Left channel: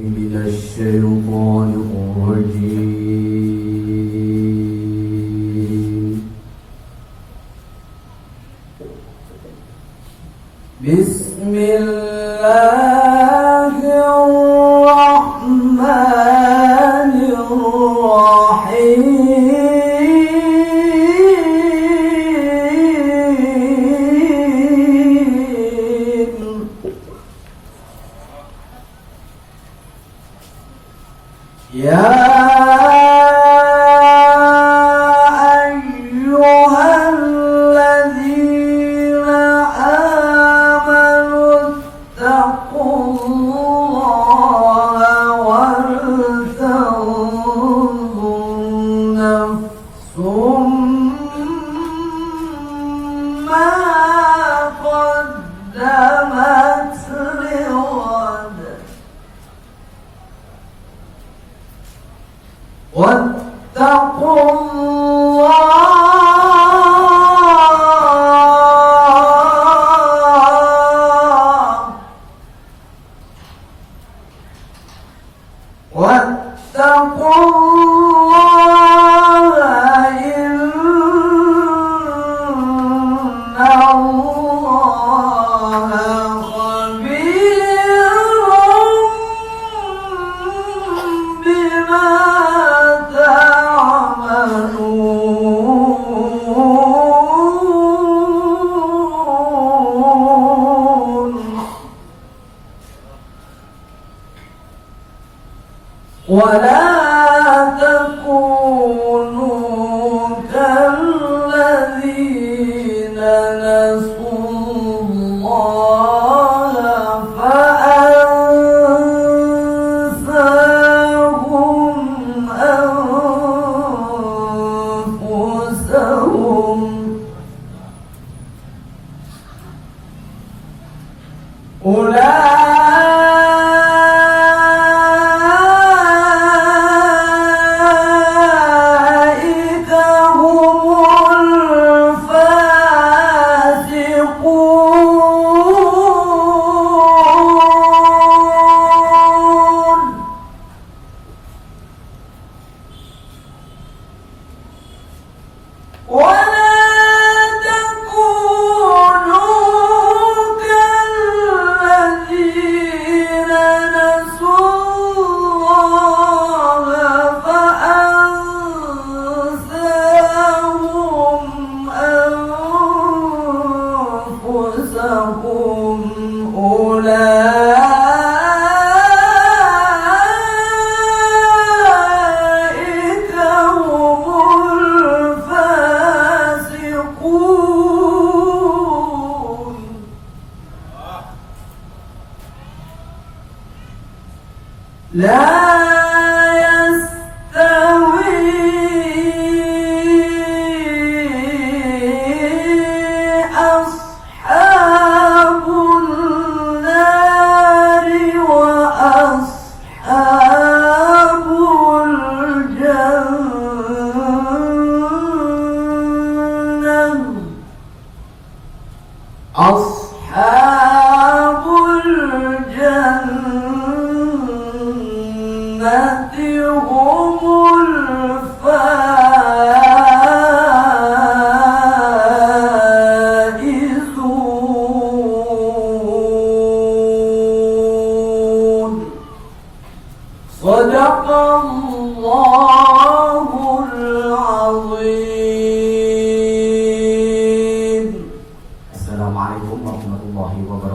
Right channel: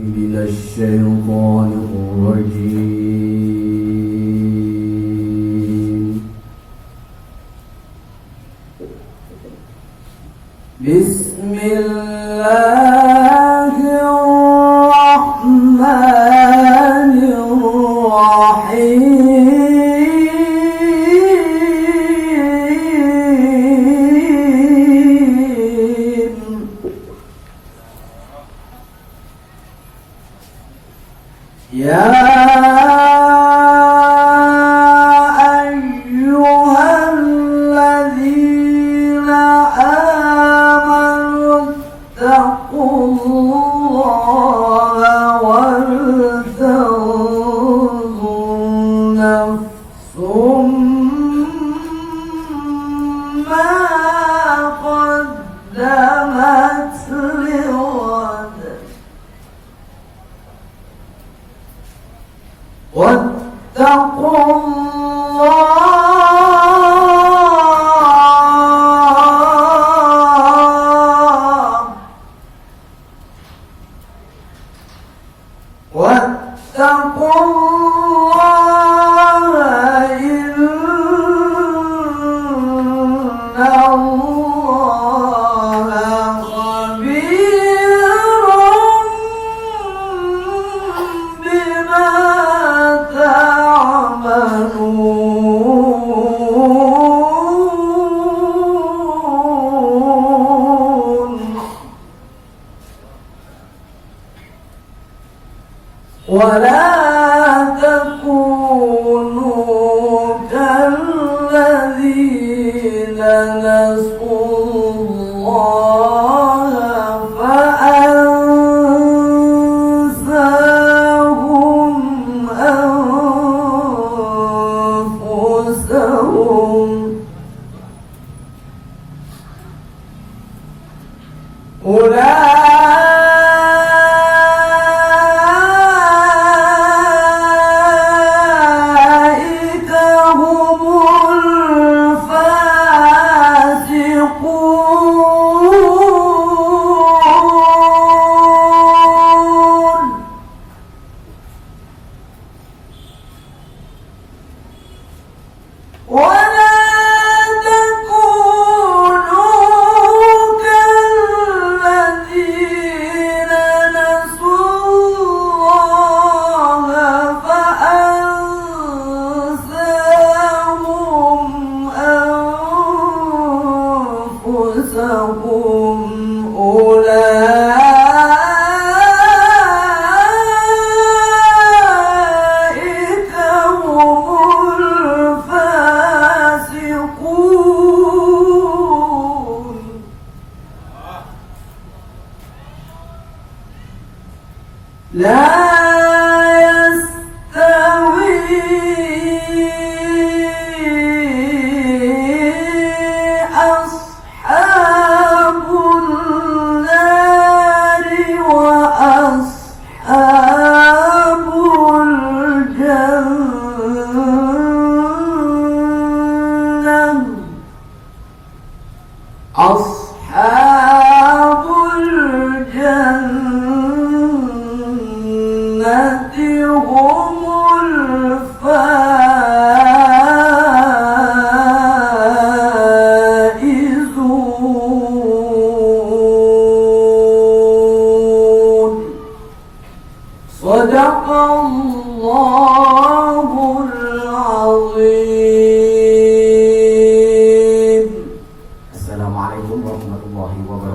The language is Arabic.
من الشيطان الرجيم. بسم الله الرحمن الرحيم. يا أيها الذين آمنوا اتقوا الله ولتنظر نفس ما قدمت لغد واتقوا الله إن الله خبير بما ولا تكونوا كالذين نسوا الله فأنساهم أنفسهم أولئك هم الفاسقون. لا يستوي أصحاب النار وأصحاب الجنة. أصحاب الجنة هم الفائزون. صدق الله العظيم. السلام عليكم ورحمة الله وبركاته.